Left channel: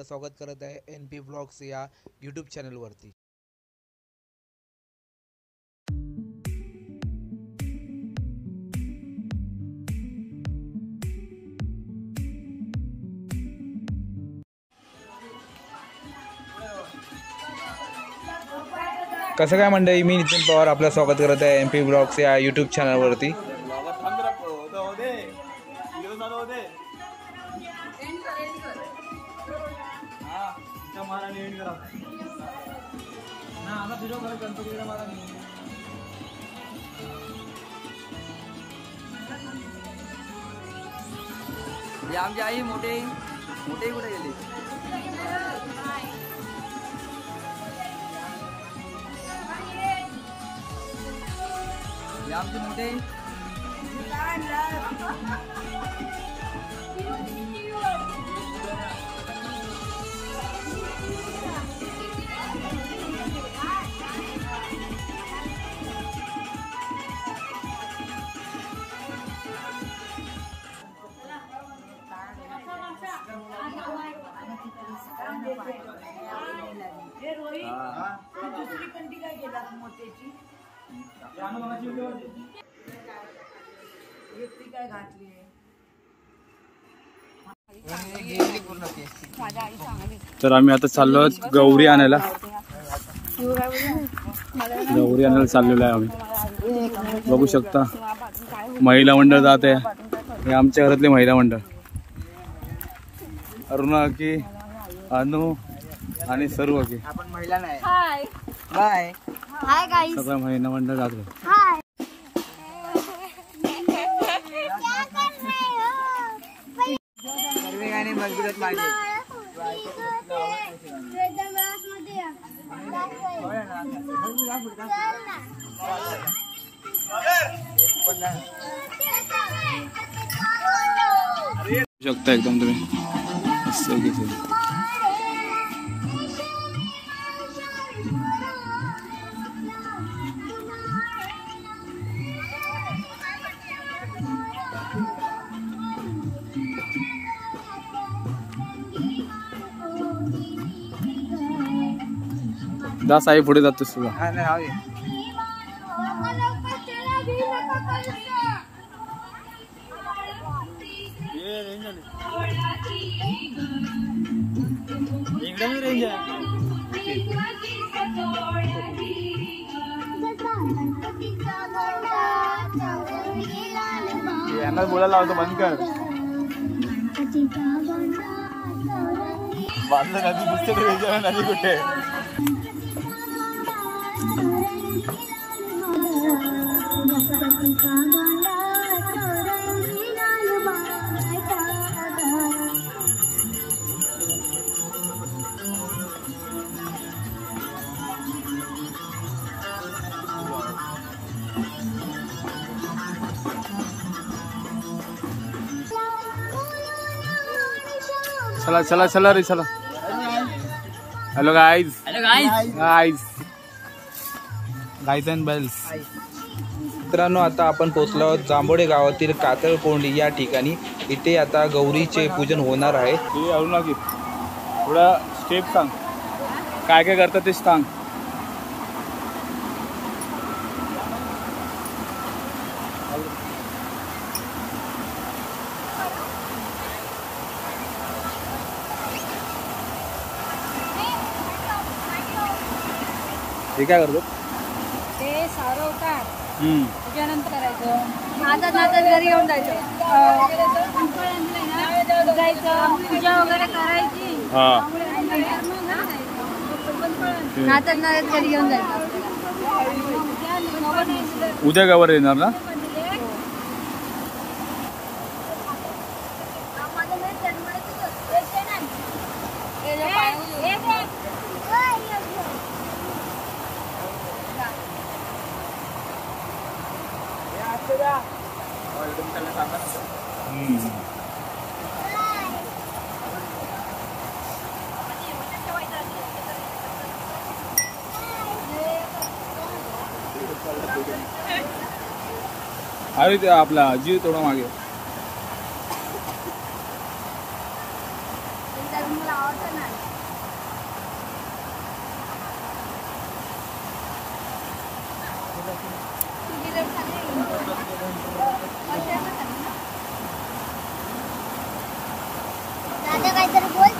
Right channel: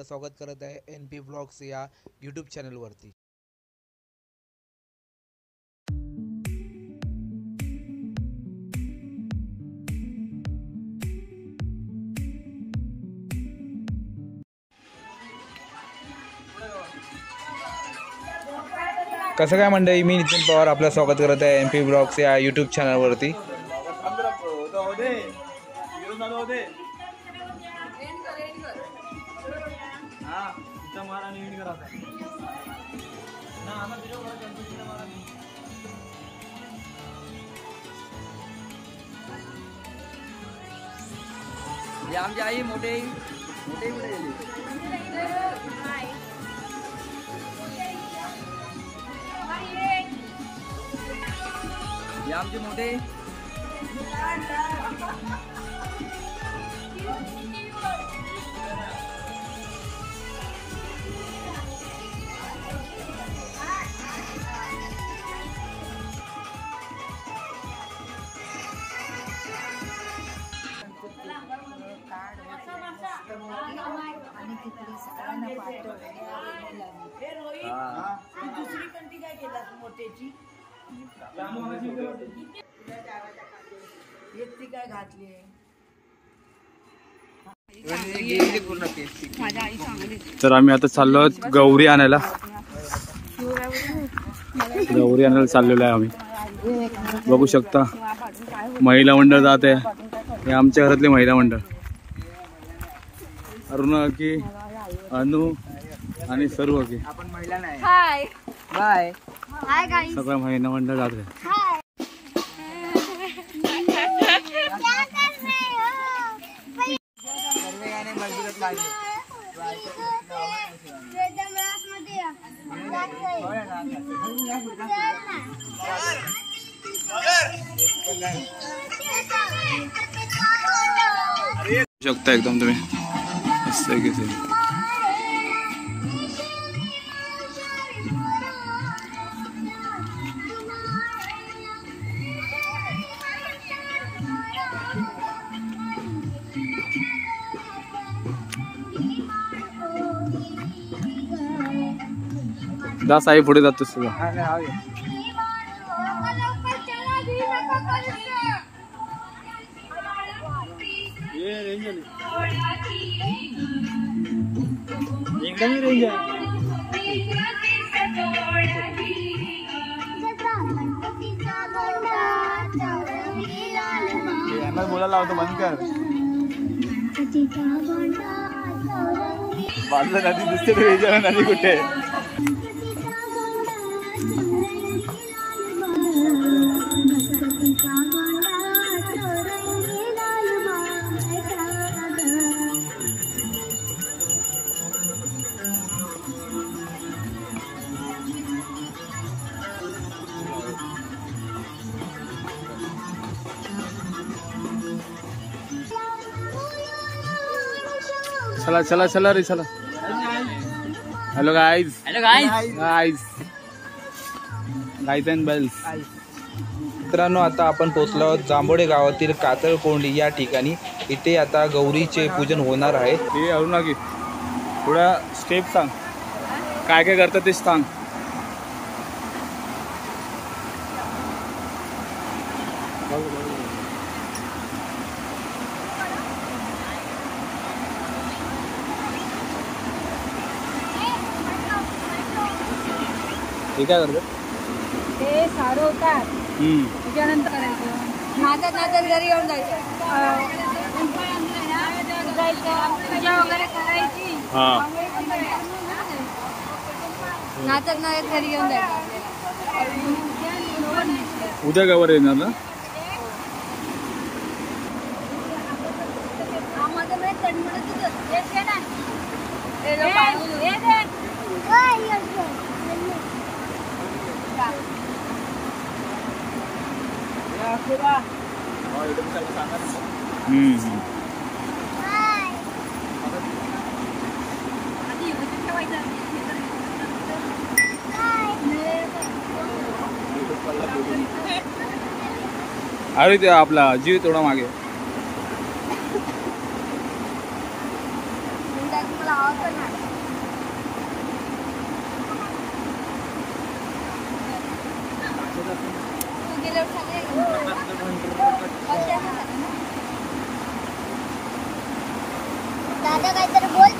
आपलं स्वागत करत आहे NP व्लॉग्स या यूट्यूब चॅनलवरती। कसं काय मंडळी, मी नितीन पवार आपलं स्वागत करत आहे NP व्लॉग्स या यूट्यूब चॅनलवरती। आमची आई मोठे कुठे गेली? आमचे मोठे तर आम्ही आता चाललो गौरी आणायला। गौरी आणायला चाललेलो आहे आम्ही। बघू शकता महिला मंडळ जात आहे। हे आमच्या घरातले महिला मंडळ, अरुणा की अनु आणि सर्व की हाय हाय हाय गाइस, सगळं महिला मंडळ जात आहे। शकता एकदम तुम्ही मस्त आहे की दास आई पुढे जातोस तुझा। बोलायला होतं बंद कर, नदी दिसते नदी कुठे? चला चला चला रे चला। Hello guys, hello guys guys guys and bells. मित्रांनो, आता आपण पोहोचलो आहोत जांभोडे गावातील कातळकोंडी या ठिकाणी। इथे आता गौरीचे पूजन होणार आहे। हे अरुणा की थोड्या स्टेप सांग, काय काय करतात ते सांग। हे काय करतात? ते सारवतात, त्याच्यानंतर करायचं नाचत नाचत घरी येऊन जायचं, पूजा वगैरे करायची, नाचत नाचत घरी येऊन जायचं। उद्या गावावर येणार ना? अरे ते आपला जीव थोडा मागे मला आवडतं ना। दादा काहीतरी बोल.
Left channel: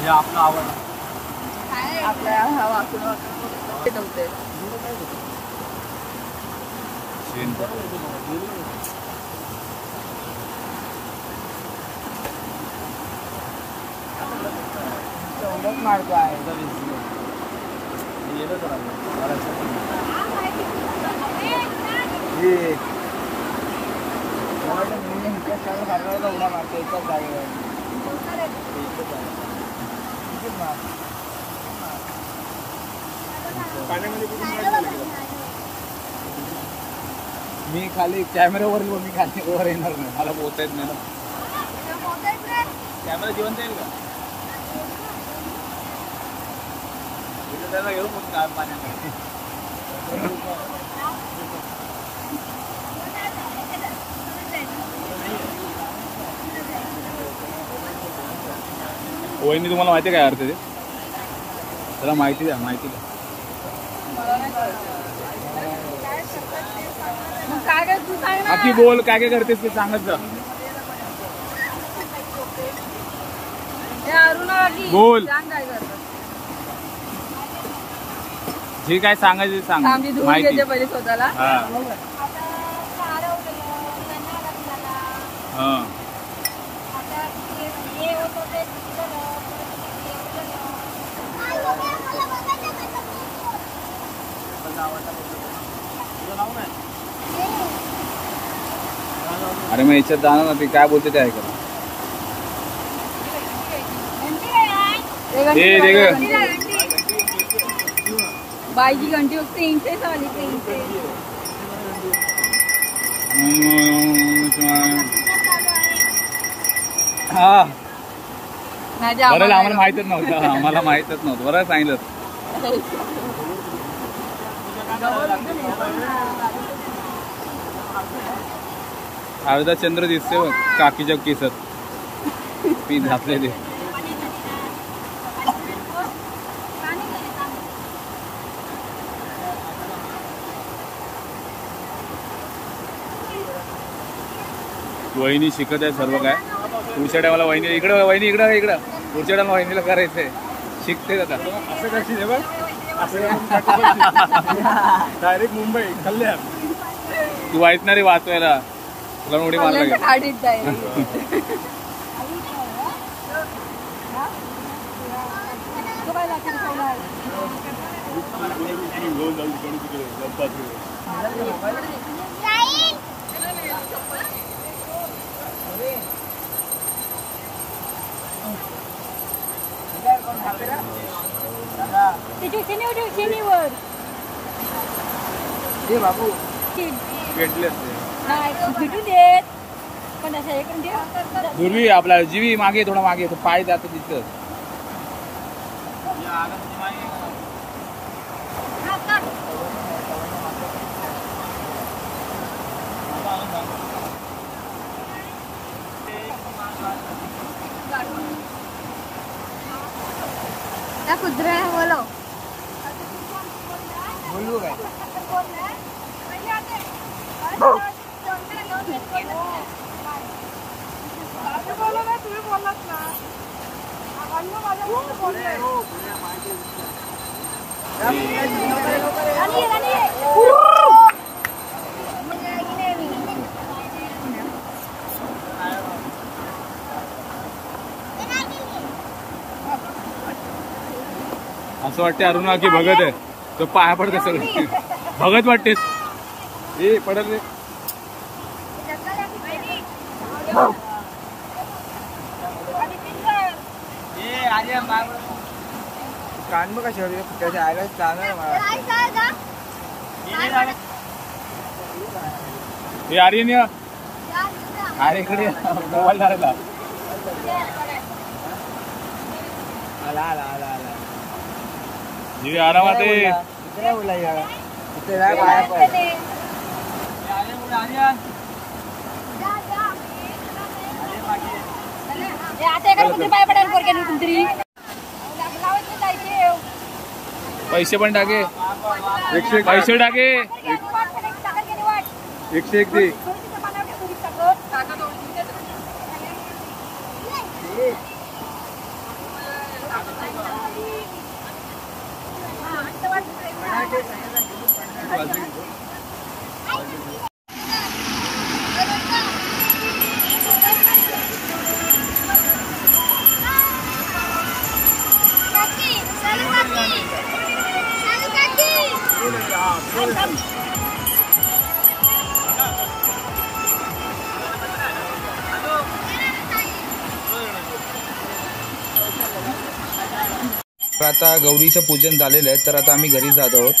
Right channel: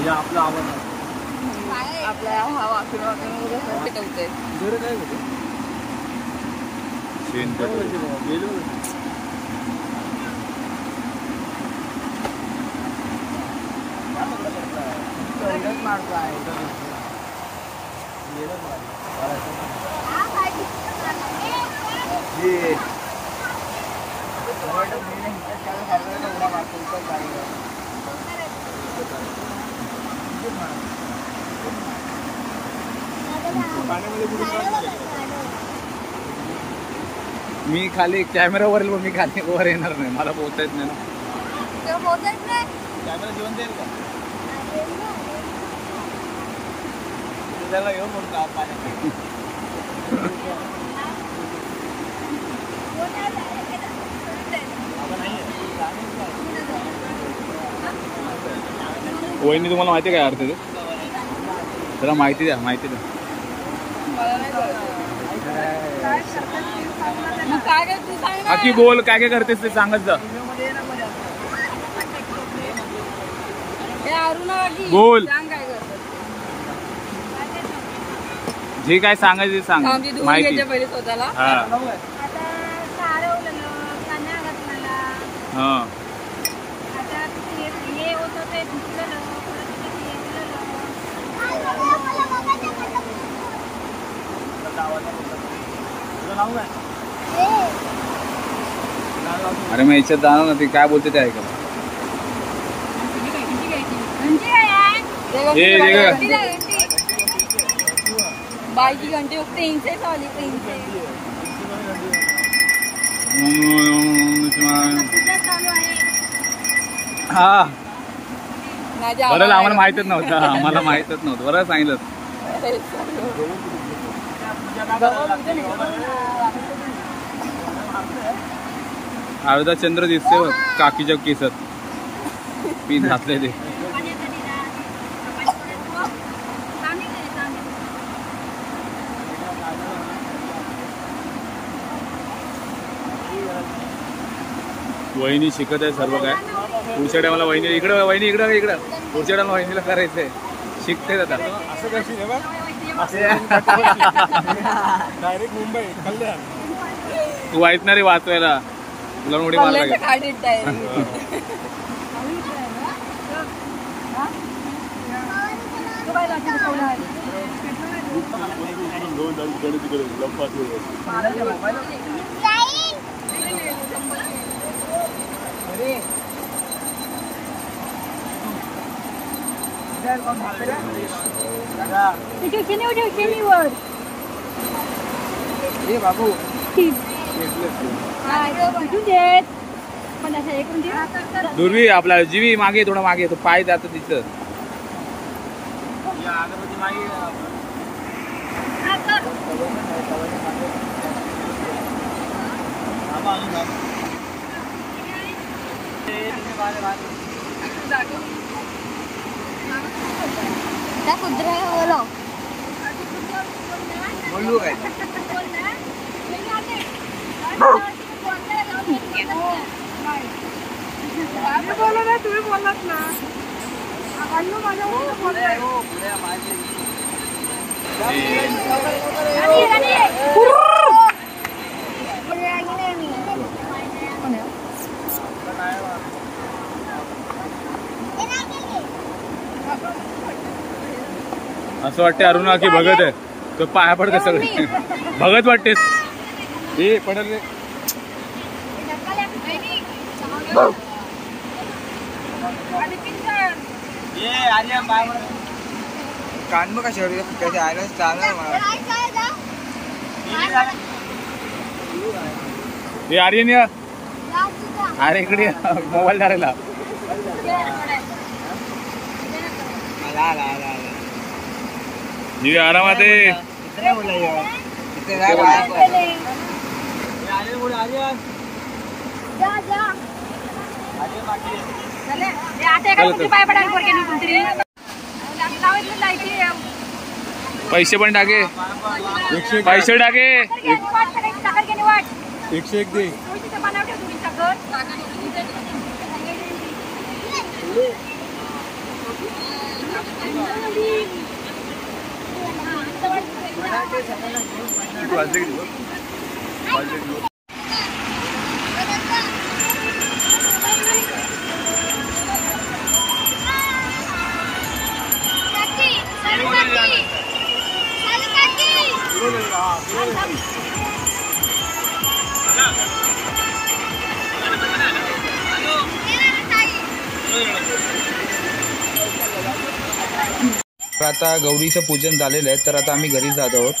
हे आपलं आवडलं. आपल्या हा वाचून होते. मी खाली कॅमेरावर मी खाली वर येणार नाही, मला पोहता येत नाही ना. कॅमेरा घेऊन जाईल का? घेऊन वहिनी तुम्हाला माहिती आहे काय अर्थ ते? त्याला माहिती द्या. आकी बोल, काय करतेस ते सांगत जा. बोल, जे काय सांगायचं सांग. माहिती हा. आता सारवलेलं, कन्या घातलेला. हा. आता हे होतं ते धुतलेलं, परत ते येवलेलं. अरे मग याच्यात जाणार ना, ते काय बोलते ते ऐकायला. बाईची घंटी फक्त इंचेच आली. हा बरं, आम्हाला माहितच नव्हतं. बरं सांगितलं. अर्धा चंद्र दिसते बघ काकीच्या केसात पीठ घातले ते. वहिनी शिकत आहे सर्व काय. पुढच्या टायमाला वहिनी इकडं पुढच्या टायमाला वहिनीला करायचंय. शिकते आता. डायरेक्ट मुंबई कल्याण. तू ऐकणार रे वाचवायला, तुला उडी मारा लागेल. बाबू दुर्वी आपला जीवी मागे थोडा मागे, तो पाय जात तिथं. बोलू काय तुम्ही बोललात ना. असं वाटते अरुणा की भगत आहे तो, पाया पडते सगळे. भगत वाटतेस हे पडत रे. कान बघा शेवटी फुटायचे आयला चालणार मला. हे आर्यन या. अरे इकडे मोबाईल धरायला. जी आरामात आहे. इथे राग आया पण. आता एका पाय पडायला टाकून जायचे. पैसे पण टाके. पैसे टाके. 101 दे. तर आता गौरीचं पूजन झालेलं आहे, तर आता आम्ही घरी जात आहोत.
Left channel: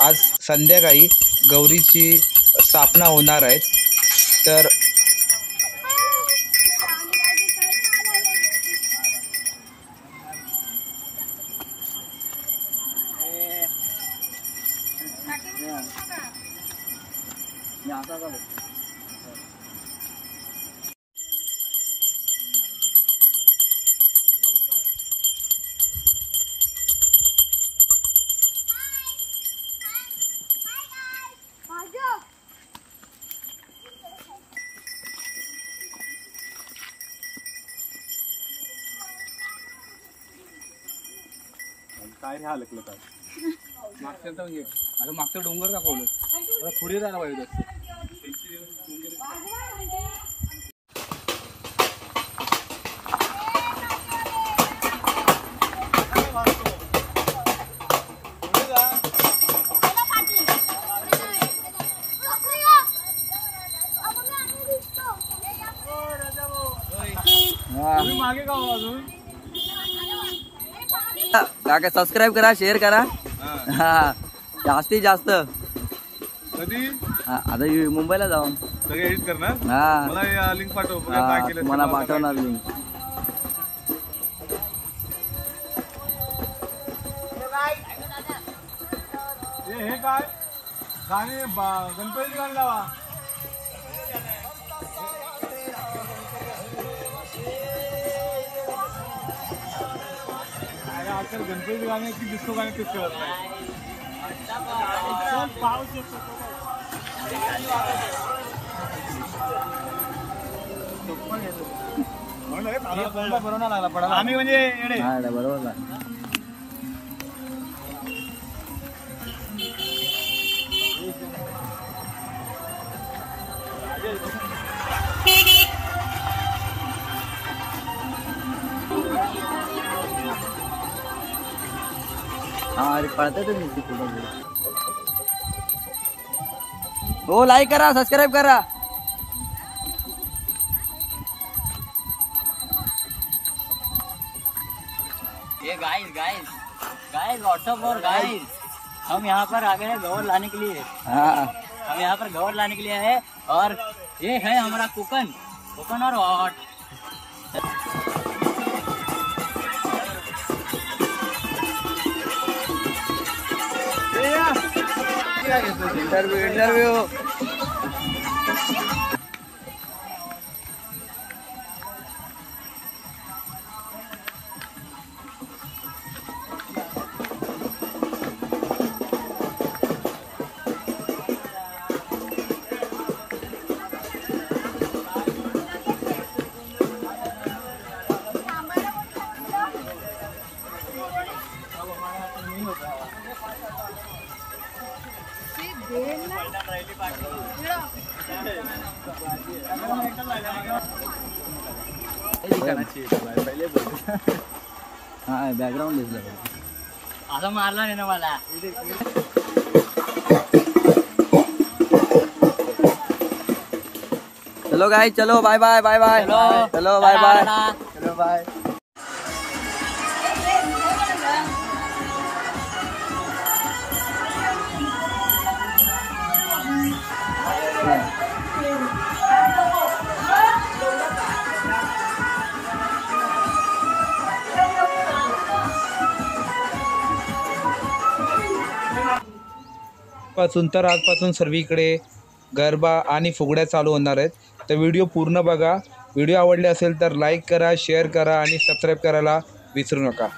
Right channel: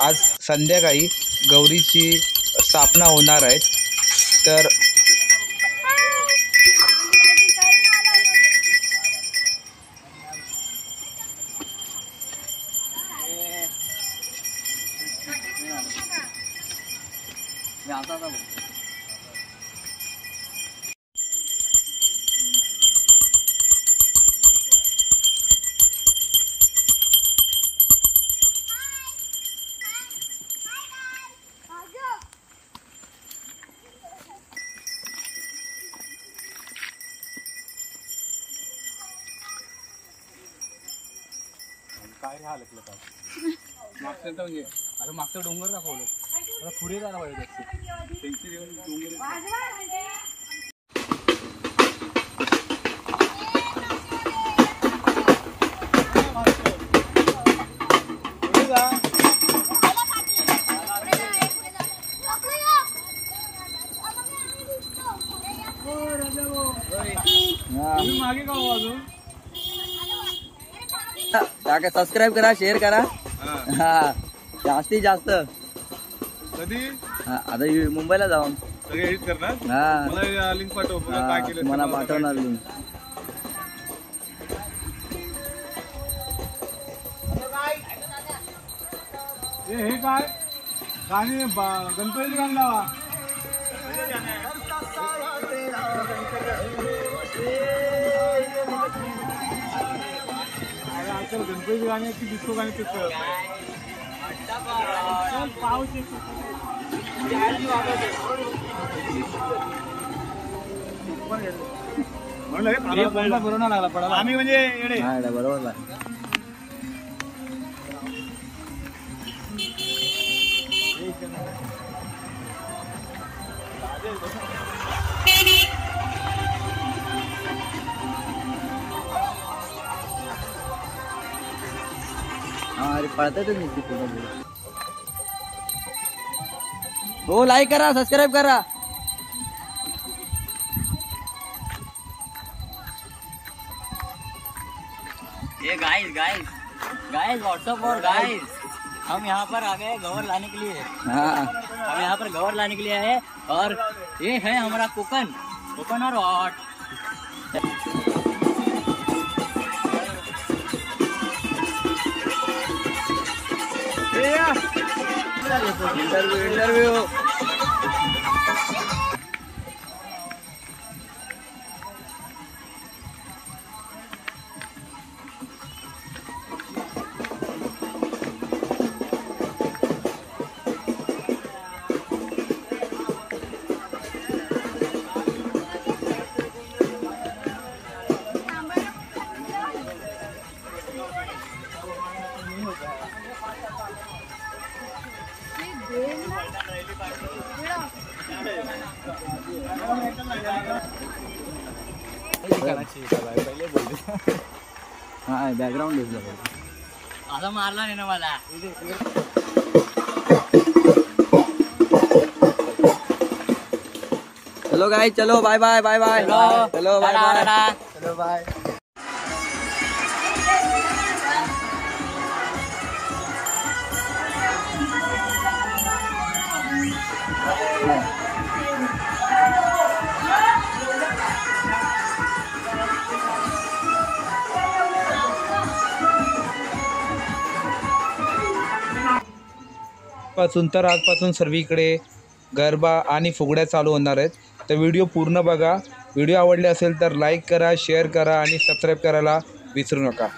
आज संध्याकाळी गौरीची स्थापना होणार आहे. तर काय रे हलकलं काय मागचं म्हणजे आता मागचं डोंगर दाखवलं आता पुढे जायला पाहिजे त्यांची डोंगर. मागे का अजून काका सबस्क्राईब करा, शेअर करा. हा जास्तीत जास्त. कधी आता मुंबईला जाऊन सगळे एडिट करणार. हा मला लिंक पाठव. तुम्हाला पाठवणार लिंक. हे काय गाणे गणपतीची गाणी लावा. गणपती गाणे की डिस्को गाणे तेच लागला पडा. आम्ही म्हणजे बरोबर. अरे पळतात हो. लाईक करा, सबस्क्राईब करा. ये गाइस व्हाट्सएप और गाइस हम यहाँ पर आ गए हैं गौर लाने के लिए. हाँ हम यहाँ पर गौर लाने के लिए है और ये है हमारा कोकन और हॉट. इंटरव्यू हाँ बैकग्राउंड दिसला असा मारला नाही ना मला. चलो गाइस, चलो बाय बाय बाय बाय. चलो बाय बाय. चलो बाय. पासून तर आजपासून सर्वीकडे गरबा आणि फुगड्या चालू होणार आहेत. तर व्हिडिओ पूर्ण बघा. व्हिडिओ आवडले असेल तर लाईक करा, शेअर करा आणि सबस्क्राईब करायला विसरू नका.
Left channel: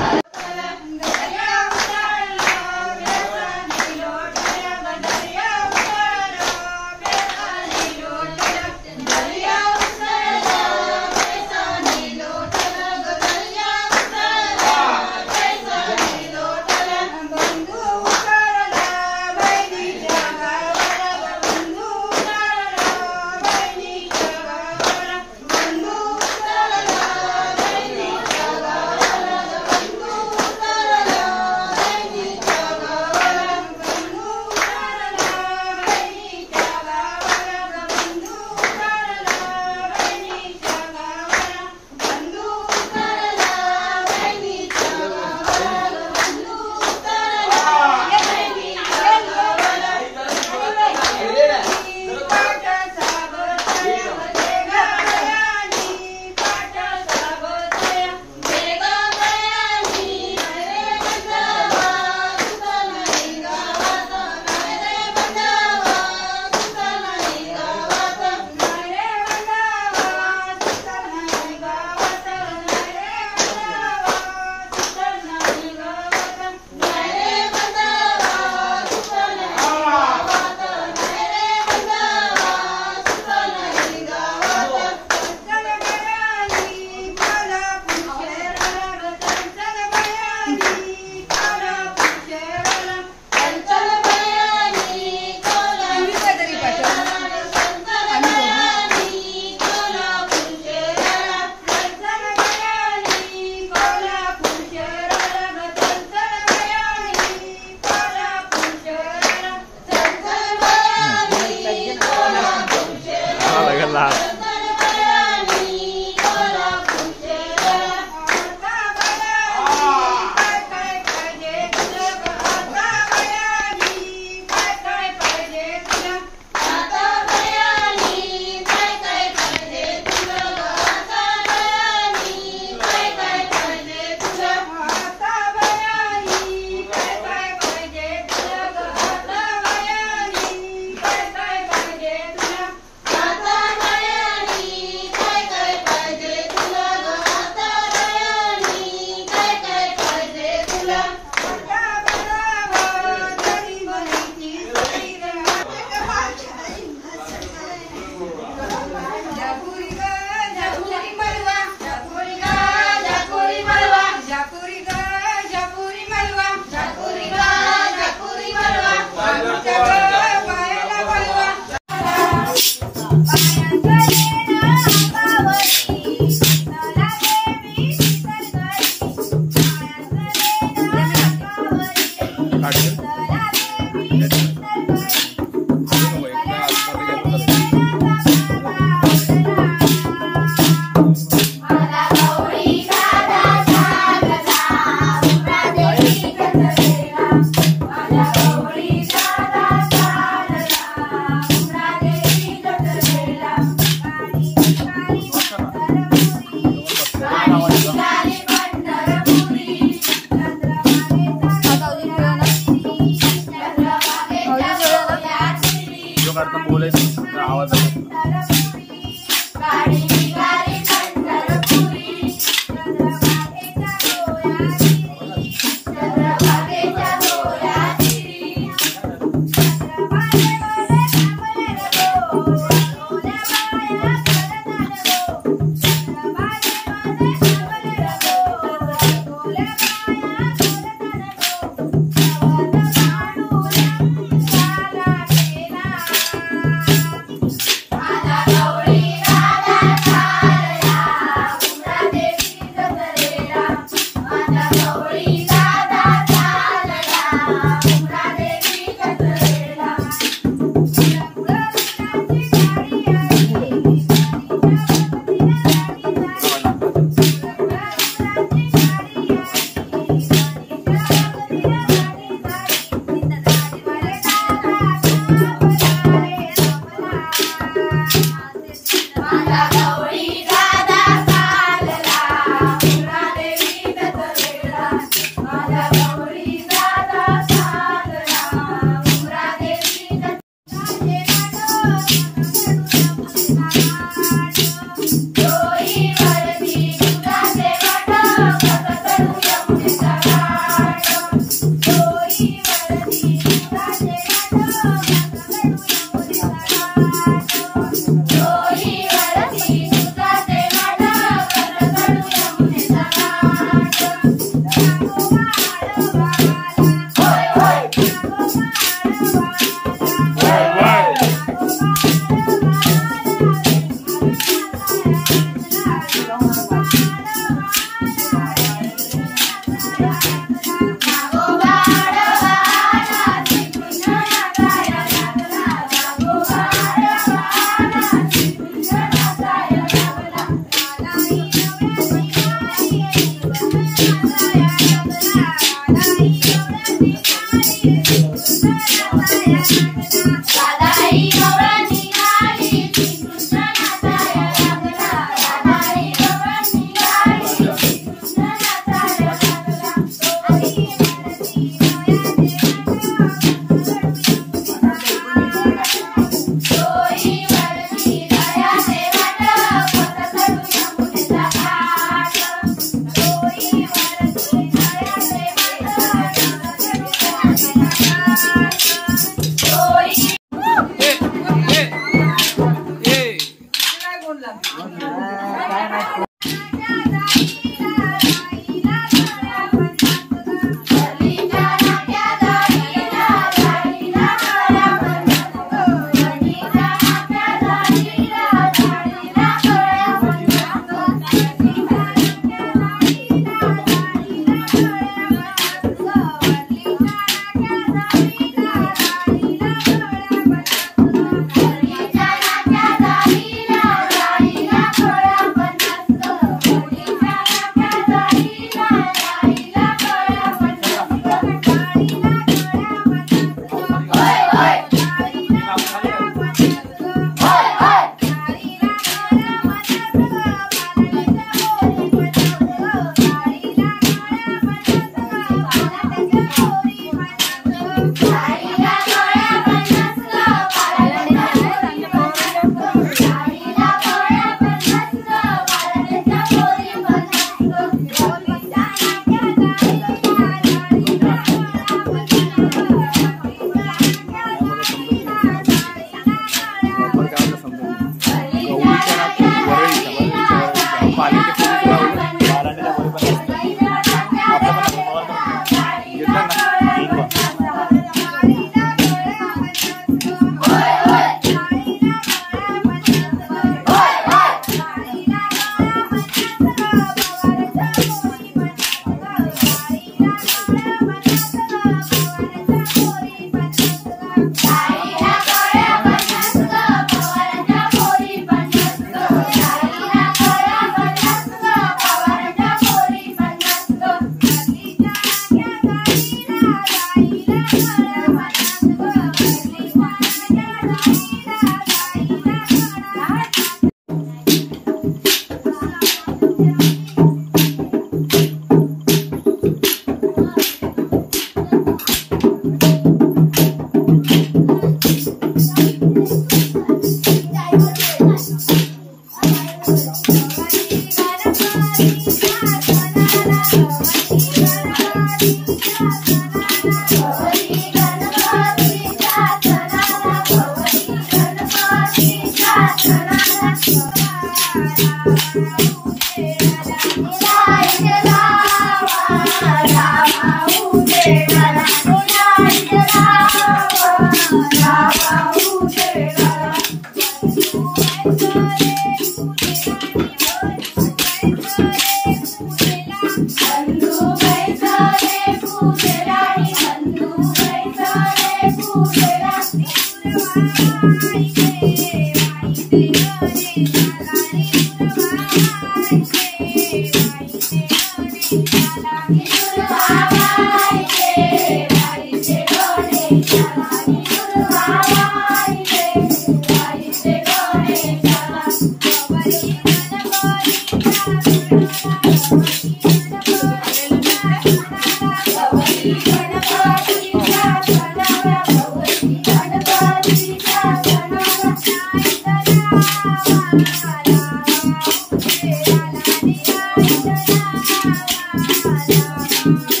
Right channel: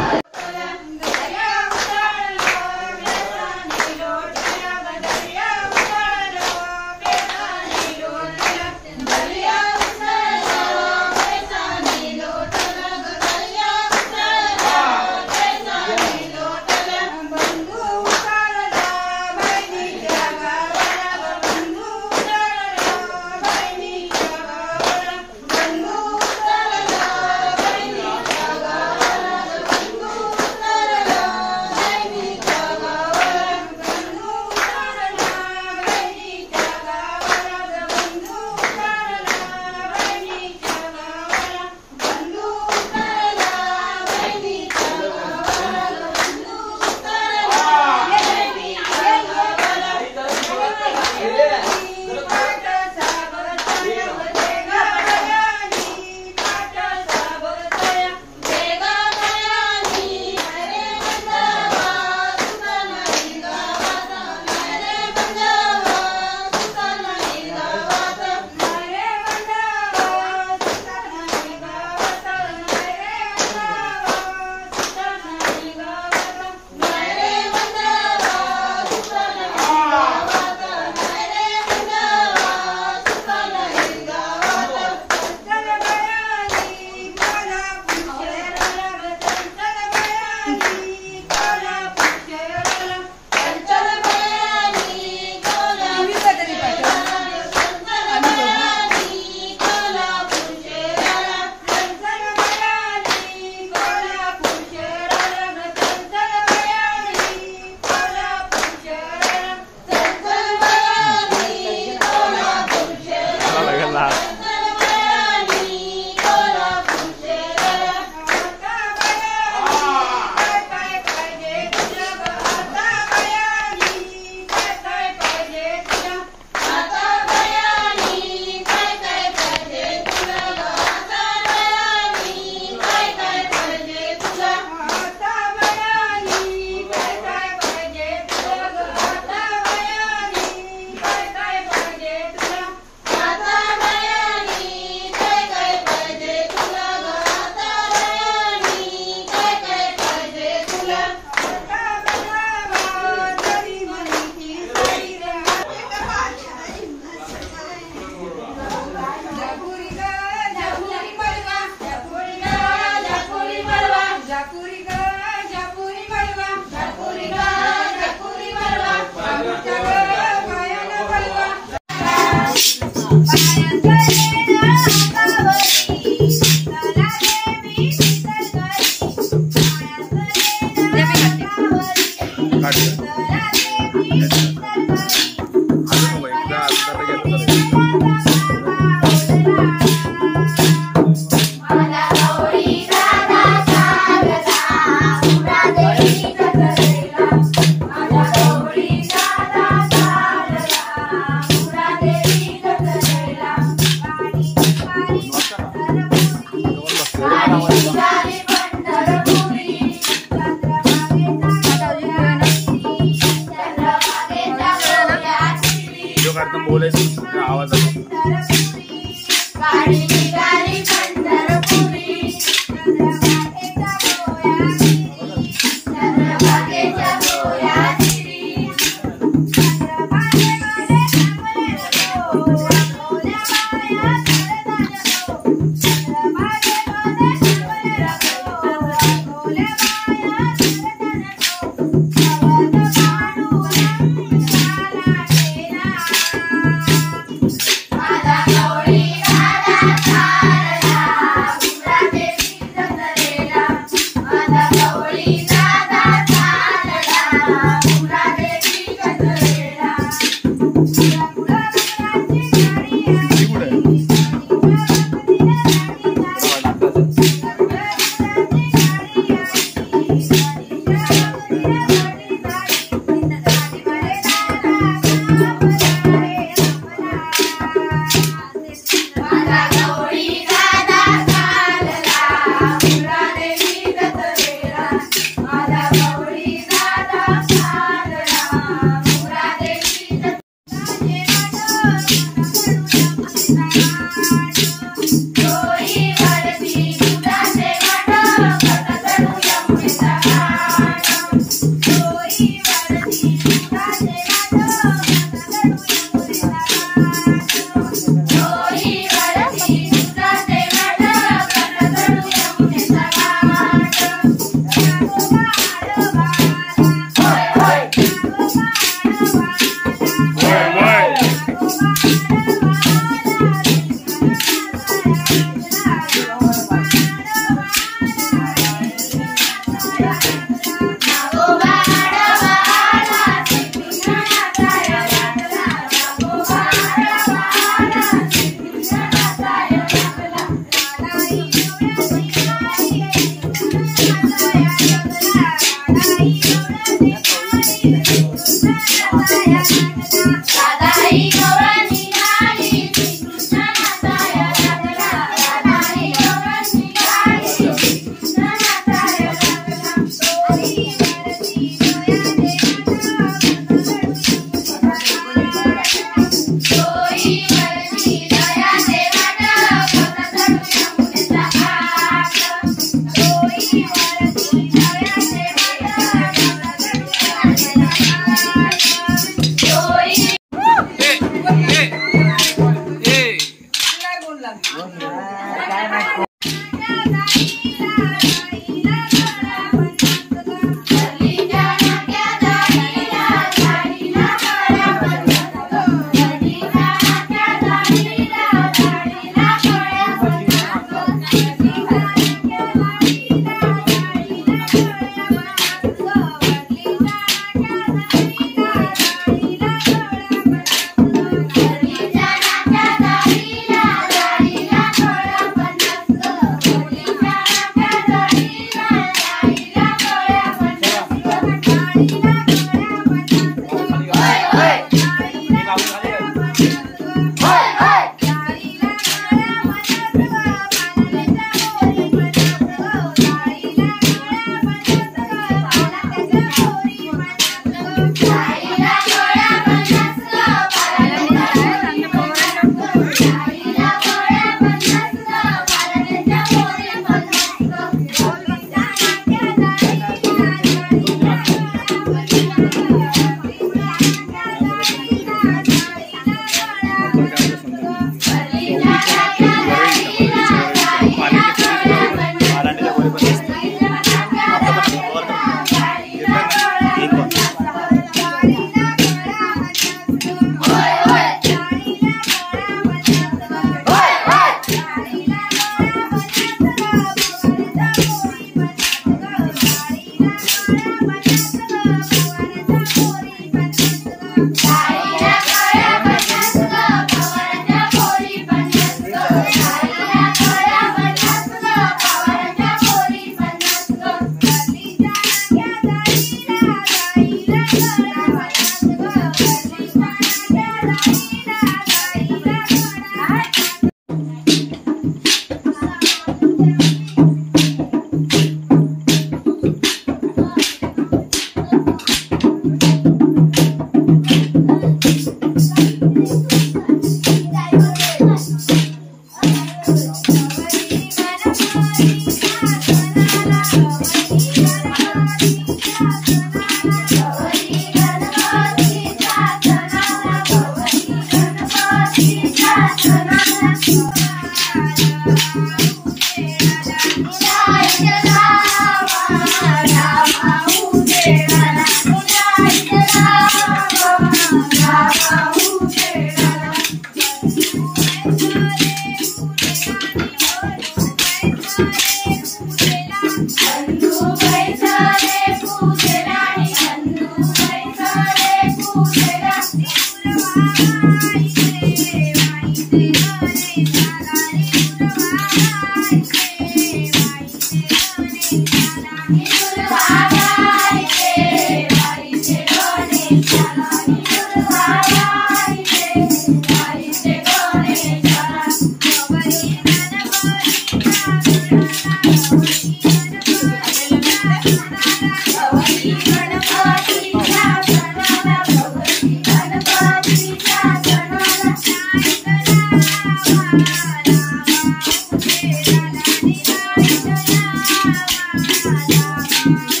Thank you.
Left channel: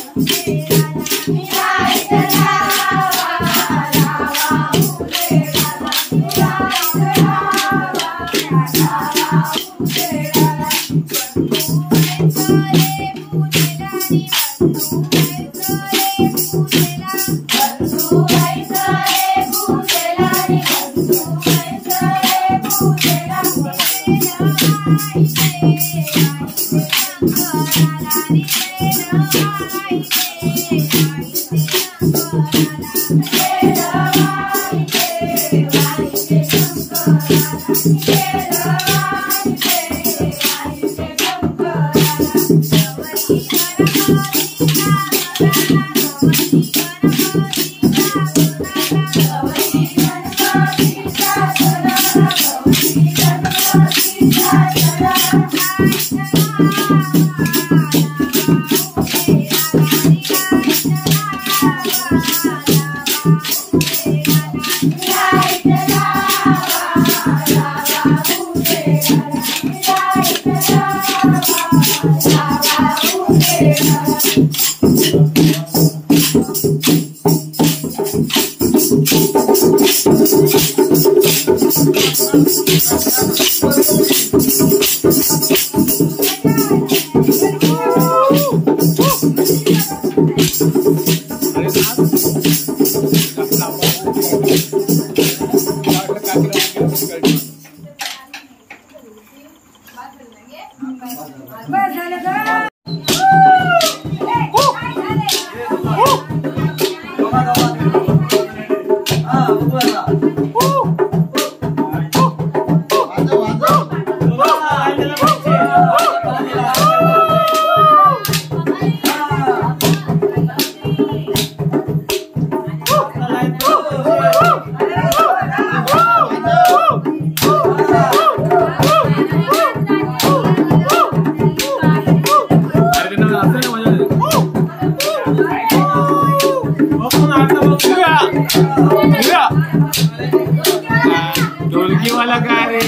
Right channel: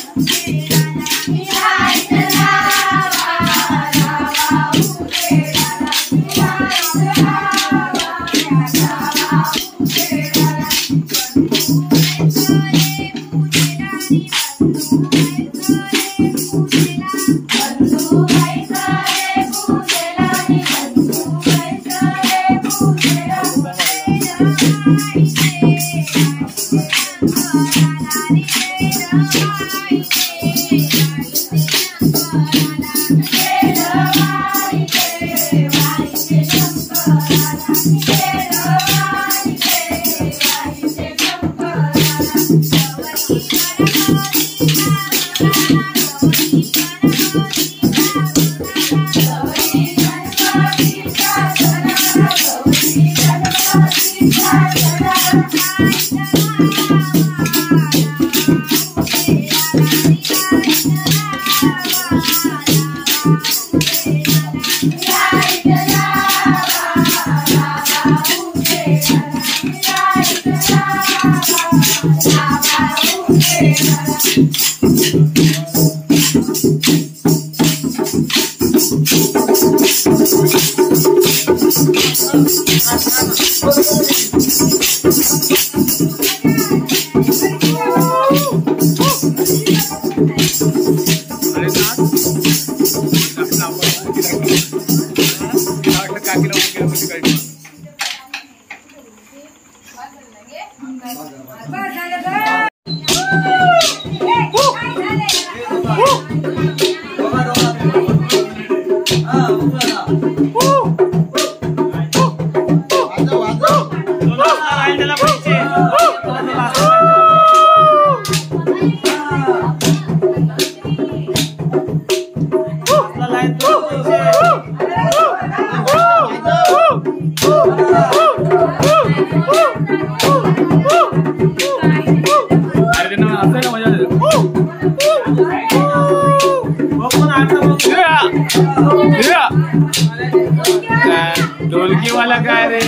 ढोलकी वाला काय रे,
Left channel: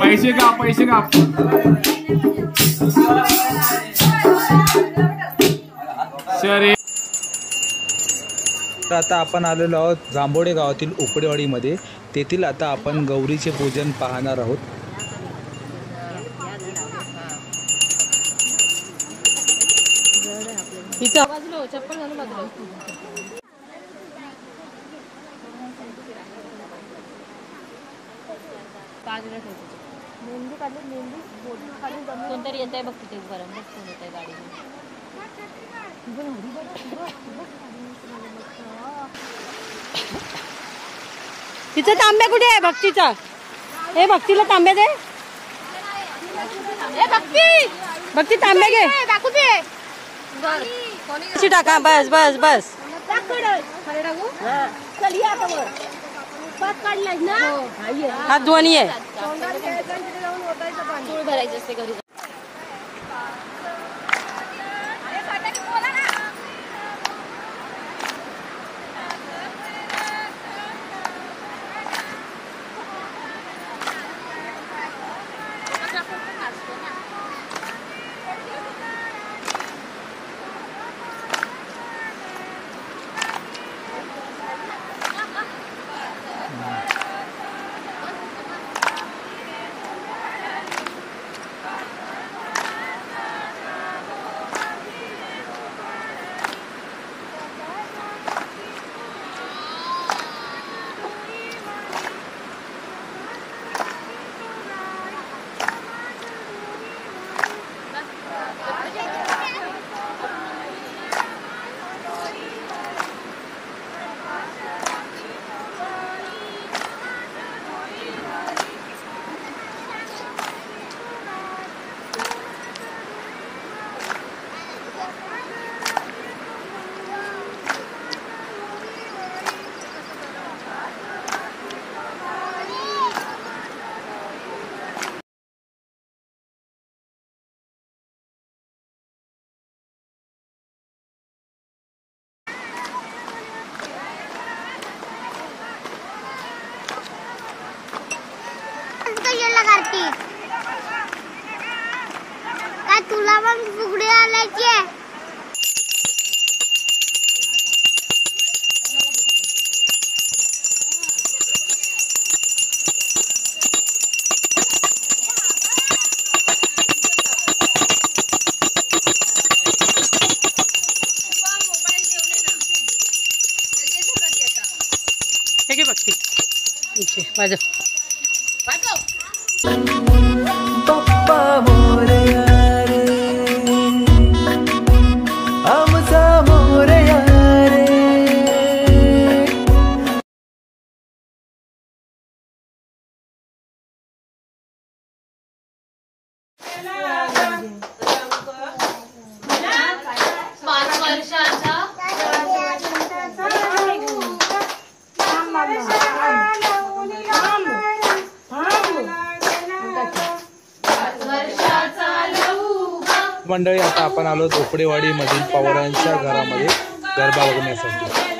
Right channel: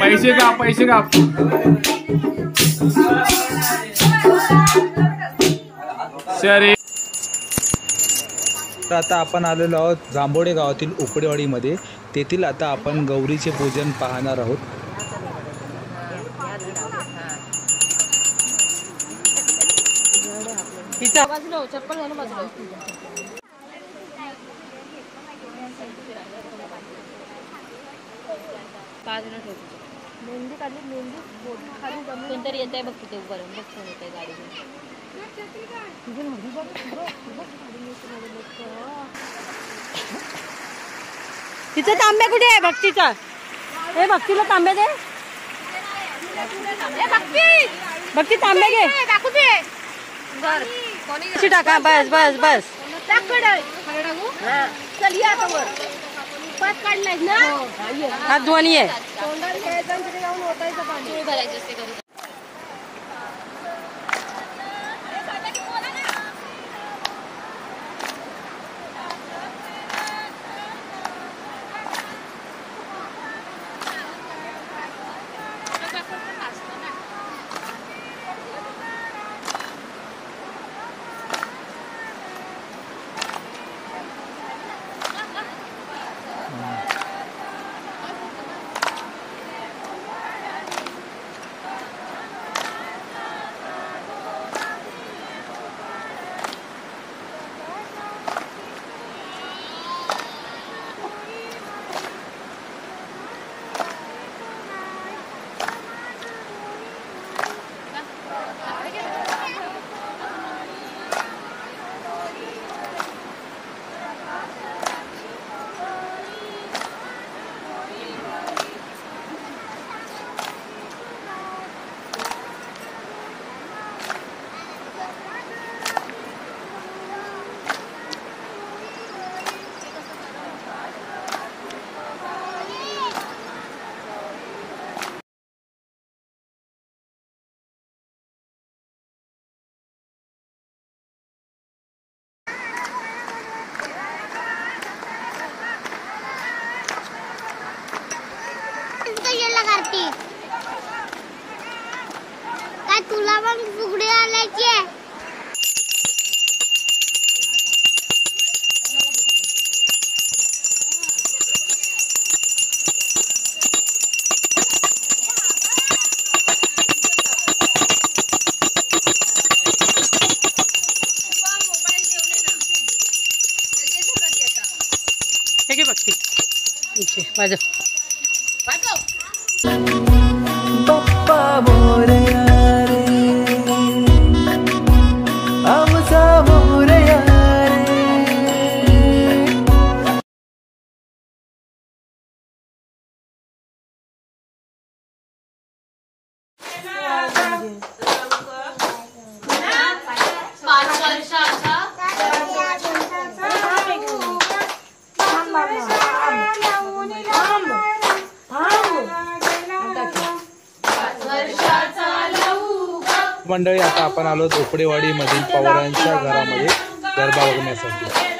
पैसे का पैसे का. सर तर आता आपण आलेलो आहोत जांभोडे गावातील उकडेवाडीमध्ये. तेथील आता आपण गौरीचे पूजन पाहणार आहोत. मेहंदी काढली, मेहंदी कोणतरी येत आहे बघ तिथे गरम येत आहे गाडी. तिचा तांब्या कुठे आहे भक्तीचा? हे भक्तीला तांब्या दे. भक्ती तांब्या घे. टाका. बस बस बस. हात धुवानी आहे. काय तुला पण फुगडी आलायची आहे? वाजव बाप्पा मोरया रे आमचा मोरया रे. मंडळी आता आपण आलो झोपडेवाडी मधील पवारांच्या घरामध्ये गरबा बघण्यासाठी.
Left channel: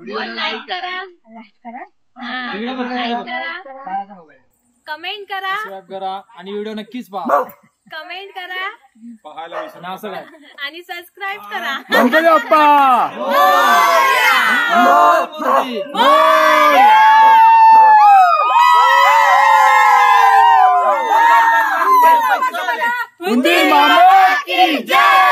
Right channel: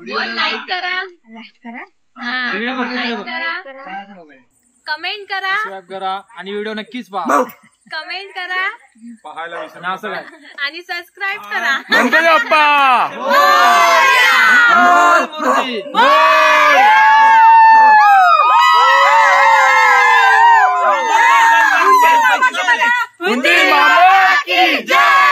लाईक करा, कमेंट करा, सबस्क्राईब करा आणि व्हिडिओ नक्कीच पहा. कमेंट करा पाहायला विसरू नका. असं काय आणि सबस्क्राईब करा. गणपती बाप्पा मामा की जय.